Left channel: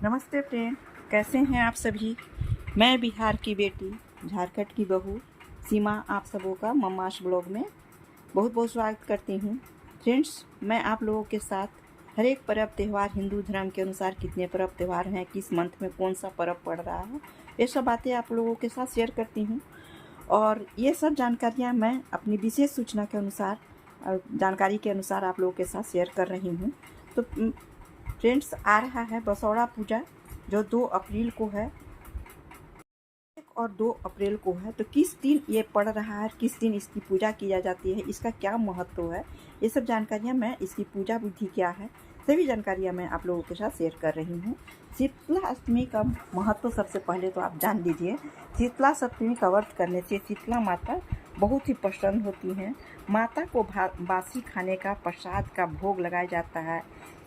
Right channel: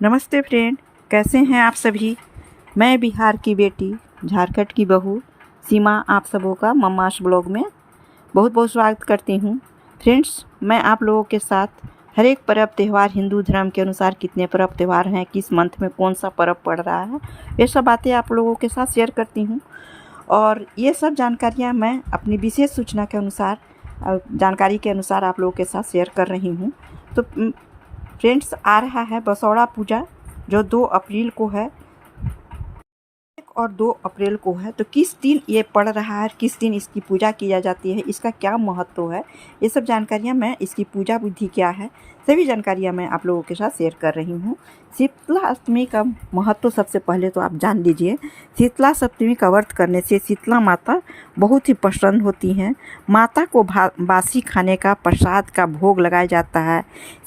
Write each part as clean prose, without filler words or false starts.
नमस्ते फ्रेंड, कैसे हैं आप सभी। मैं बिहार की बेटी, झारखंड की बहू सीमा आप सबों का मम्मास ब्लॉग में बहुत बहुत स्वागत करती हूं। फ्रेंड्स, मैं आप लोगों के साथ हर एक पर्व त्यौहार हिंदू धर्म के अनुसार कितने पर्व त्यौहार हैं, किस मंथ में कौन सा पर्व पड़ रहा है, ये सब बातें आप लोगों के साथ शेयर करती हूं। और ये सब जानकारियाँ मैं अपनी विशेष सूचना के अनुसार जानकारी के अनुसार आप लोगों के साथ शेयर कर रही हूँ। तो फ्रेंड्स, आ रहा है बसौड़ा पूजा जो 2 अप्रैल को है। 1 और 2 अप्रैल को है, तो किस दिन ये पड़ रहा है, किस दिन इसकी पूजा की जाती है, इसका क्या महत्व है, ये सब जानकारियाँ मैं, इसकी पूजा विधि क्या है, सभी जानकारियाँ मैं आप लोगों के साथ शेयर कर रही हूँ। शीतला अष्टमी का महत्व सबसे पहले तो आप जान लीजिए। शीतला सप्तमी का व्रत करने से शीतला माता बहुत ही प्रसन्न होती हैं। माता को बासी खाने का प्रसाद का भोग लगाया जाता है।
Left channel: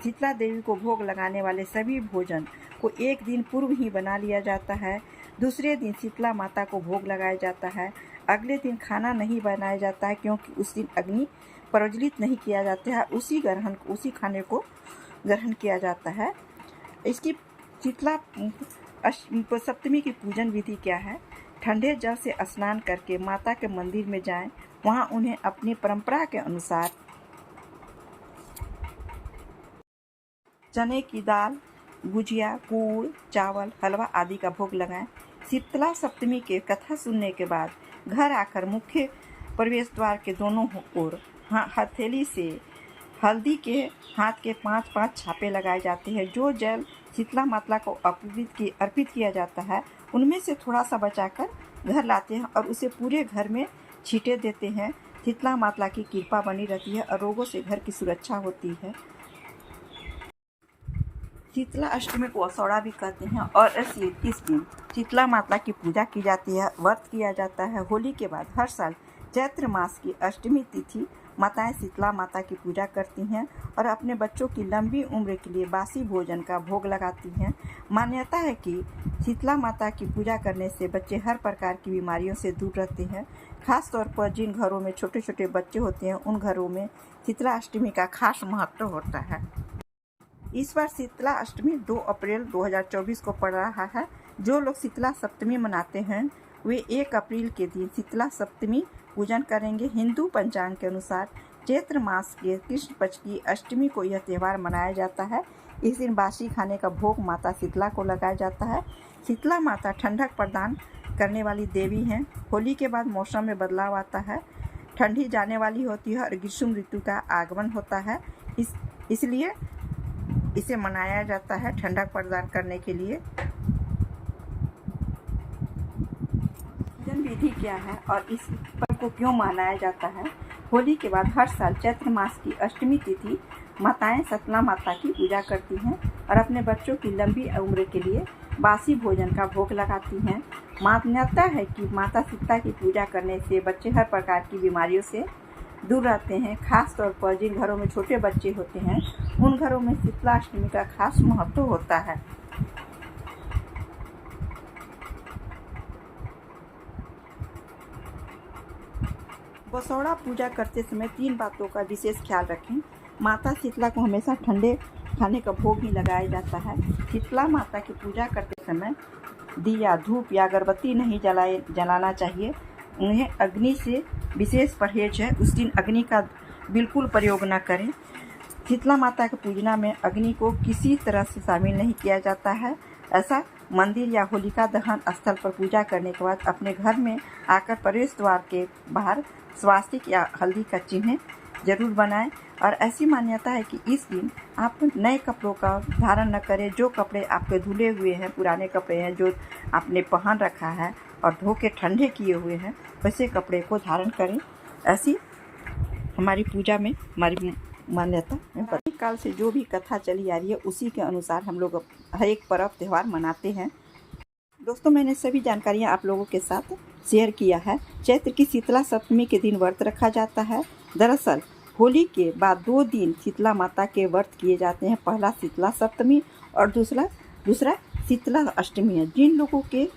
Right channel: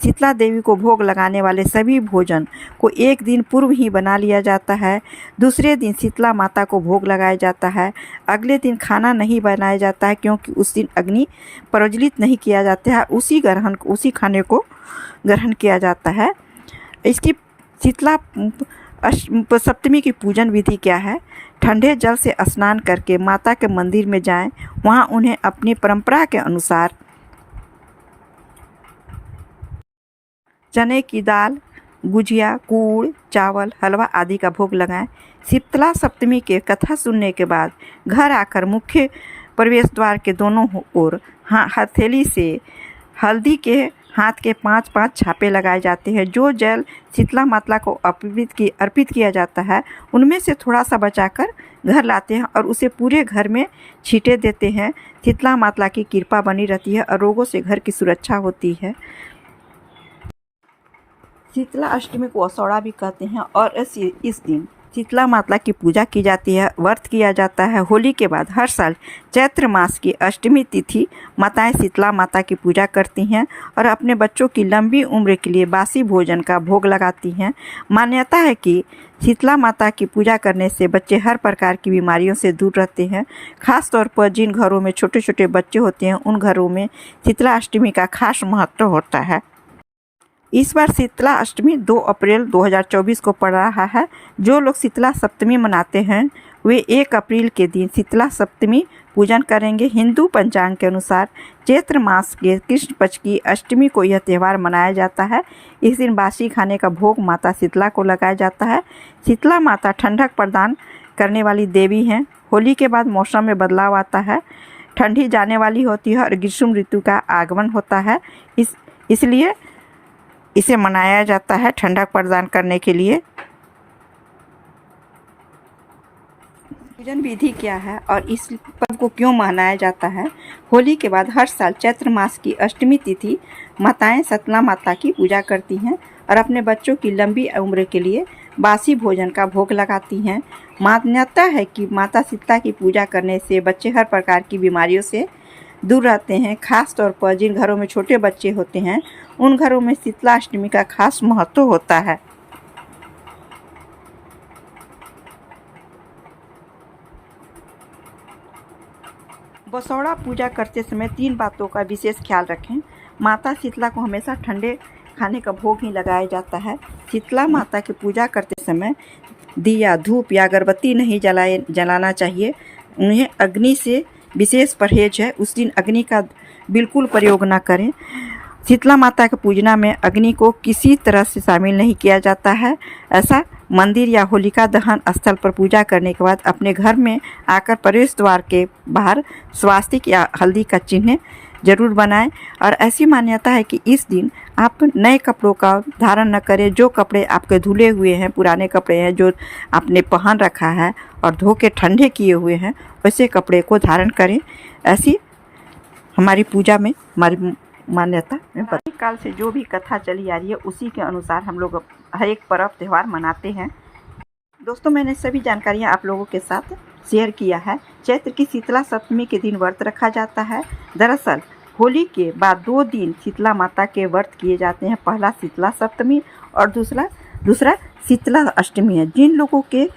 शीतला देवी को भोग लगाने वाले सभी भोजन को एक दिन पूर्व ही बना लिया जाता है। दूसरे दिन शीतला माता को भोग लगाया जाता है। अगले दिन खाना नहीं बनाया जाता है, क्योंकि उस दिन अग्नि प्रज्वलित नहीं किया जाता है। उसी खाने को ग्रहण किया जाता है। इसकी शीतला सप्तमी की पूजन विधि क्या है। ठंडे जल से स्नान करके माता के मंदिर में जाएं। वहां उन्हें अपनी परंपरा के अनुसार चने की दाल, गुजिया, गुड़, चावल, हलवा आदि का भोग लगाएं। शीतला सप्तमी के कथा सुनने के बाद घर आकर मुख्य प्रवेश द्वार के दोनों ओर हथेली से हल्दी के हाथ के 5-5 छापे लगाए जाते हैं। जो जल शीतला माता को अर्पित किया जाता है, उनमें से थोड़ा सा बचाकर घर लाते हैं और उसे पूरे घर में छींटे देते हैं। शीतला माता की कृपा बनी रहती है और रोगों से घर की सुरक्षा होती है। शीतला अष्टमी को असौड़ा भी कहते हैं और इस दिन शीतला माता की पूजा की जाती है, व्रत किया जाता है। होली के बाद हर साल चैत्र मास की अष्टमी तिथि माताएं शीतला माता की पूजा करती हैं और अपने बच्चों की लंबी उम्र के लिए बासी भोजन का भोग लगाती हैं। मान्यता है कि शीतला माता की पूजा करने से बच्चे हर प्रकार की बीमारियों से दूर रहते हैं। खास तौर पर जिन घरों में छोटे छोटे बच्चे होते हैं, उन घरों में शीतला अष्टमी का खास महत्व होता है। इस बार शीतला अष्टमी 2 अप्रैल 2024 को पड़ रहा है। जो लोग शीतला सप्तमी मनाते हैं वे 1 अप्रैल के दिन शीतला सप्तमी पूजन करेंगे। हिंदू पंचांग के अनुसार चैत्र मास के कृष्ण पक्ष की अष्टमी को यह त्यौहार मनाया जाता है। इस दिन बासी खाने का भोग माता शीतला को लगाया जाता है। शीतला माता ठंडक प्रदान करने वाली देवी हैं। होली के बाद मौसम में बदलाव आता है, ठंडी जाने वाली होती है और ग्रीष्म ऋतु का आगमन होता है। इसलिए इसे मनाया जाता है ठंडक प्रदान करने के लिए। पूजन विधि क्या है और इस पर्व को क्यों मनाया जाता है। होली के बाद हर साल चैत्र मास की अष्टमी तिथि माताएं शीतला माता की पूजा करती हैं और अपने बच्चों की लंबी उम्र के लिए बासी भोजन का भोग लगाती हैं। मान्यता है कि माता शीतला की पूजा करने से बच्चे हर प्रकार की बीमारियों से दूर रहते हैं। खास तौर पर जिन घरों में छोटे बच्चे होते हैं, उन घरों में शीतला अष्टमी का खास महत्व होता है। बसौड़ा पूजा करते समय 3 बातों का विशेष ख्याल रखें। माता शीतला को हमेशा ठंडे खाने का भोग ही लगाया जाता है। शीतला माता की पूजा करते समय दिया, धूप या अगरबत्ती नहीं जलाना चाहिए। उन्हें अग्नि से विशेष परहेज है, उस दिन अग्नि का बिल्कुल प्रयोग न करें। शीतला माता के पूजना में अग्नि को किसी तरह से शामिल नहीं किया जाता है। ऐसा मंदिर या होलिका दहन स्थल पर पूजा करने के बाद अपने घर में आकर प्रवेश द्वार के बाहर स्वास्तिक या हल्दी का चिन्ह जरूर बनाएं। और ऐसी मान्यता है कि इस दिन आप नए कपड़ों का धारण न करें। जो कपड़े आपके धुले हुए हैं, पुराने कपड़े हैं जो आपने पहन रखा है और धो के ठंडे किए हुए हैं, वैसे कपड़े को धारण करें। ऐसी हमारी पूजा में हमारी मान्यता है। प्राचीन काल से जो भी कथा चली आ रही है, उसी के अनुसार हम लोग हर एक पर्व त्यौहार मनाते हैं। दोस्तों, मैंने सभी जानकारियाँ आप लोगों के साथ शेयर किया है। चैत्र की शीतला सप्तमी के दिन व्रत रखा जाता है। दरअसल होली के बाद 2 दिन शीतला माता के व्रत किए जाते हैं। पहला शीतला सप्तमी और दूसरा शीतला अष्टमी है। जिन लोगों के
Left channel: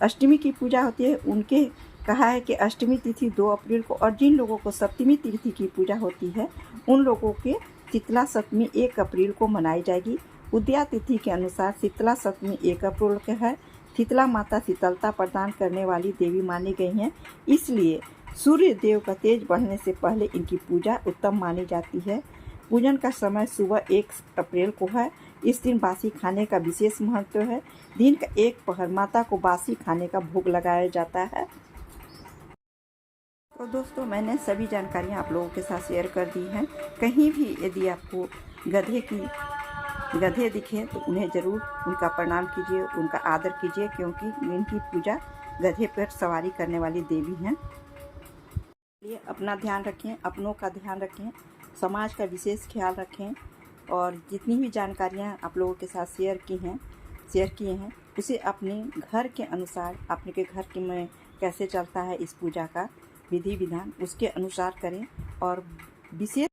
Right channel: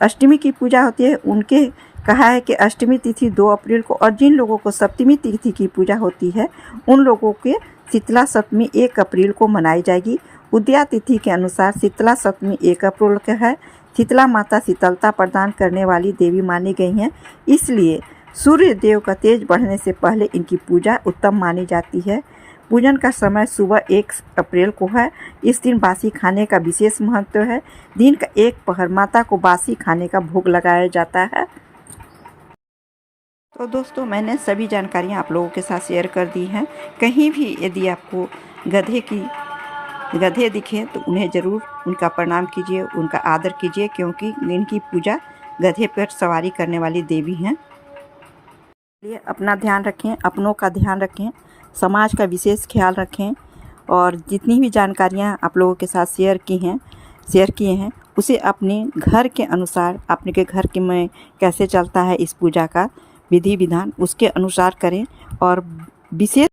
अष्टमी की पूजा होती है, उनके कहा है कि अष्टमी तिथि 2 अप्रैल को, और जिन लोगों को सप्तमी तिथि की पूजा होती है, उन लोगों के शीतला सप्तमी 1 अप्रैल को मनाई जाएगी। उदया तिथि के अनुसार शीतला सप्तमी 1 अप्रैल को है। शीतला माता शीतलता प्रदान करने वाली देवी मानी गई हैं, इसलिए सूर्य देव का तेज बढ़ने से पहले इनकी पूजा उत्तम मानी जाती है। पूजन का समय सुबह 1 अप्रैल को है। इस दिन बासी खाने का विशेष महत्व है। दिन का 1 पहर माता को बासी खाने का भोग लगाया जाता है। तो दोस्तों, मैंने सभी जानकारियाँ आप लोगों के साथ शेयर कर दी हैं। कहीं भी यदि आपको गधे दिखे तो उन्हें ज़रूर उनका प्रणाम कीजिए, उनका आदर कीजिए, क्योंकि इनकी पूजा गधे पर सवारी करने वाली देवी हैं। इसलिए अपना ध्यान रखें, अपनों का ध्यान रखें, समाज का विशेष ख्याल रखें और जितनी भी जानकारियाँ आप लोगों के साथ शेयर किए हैं उसे अपने घर के अनुसार, अपने के घर के में कैसे चलता है इस पूजा का विधि विधान, उसके अनुसार करें और विशेष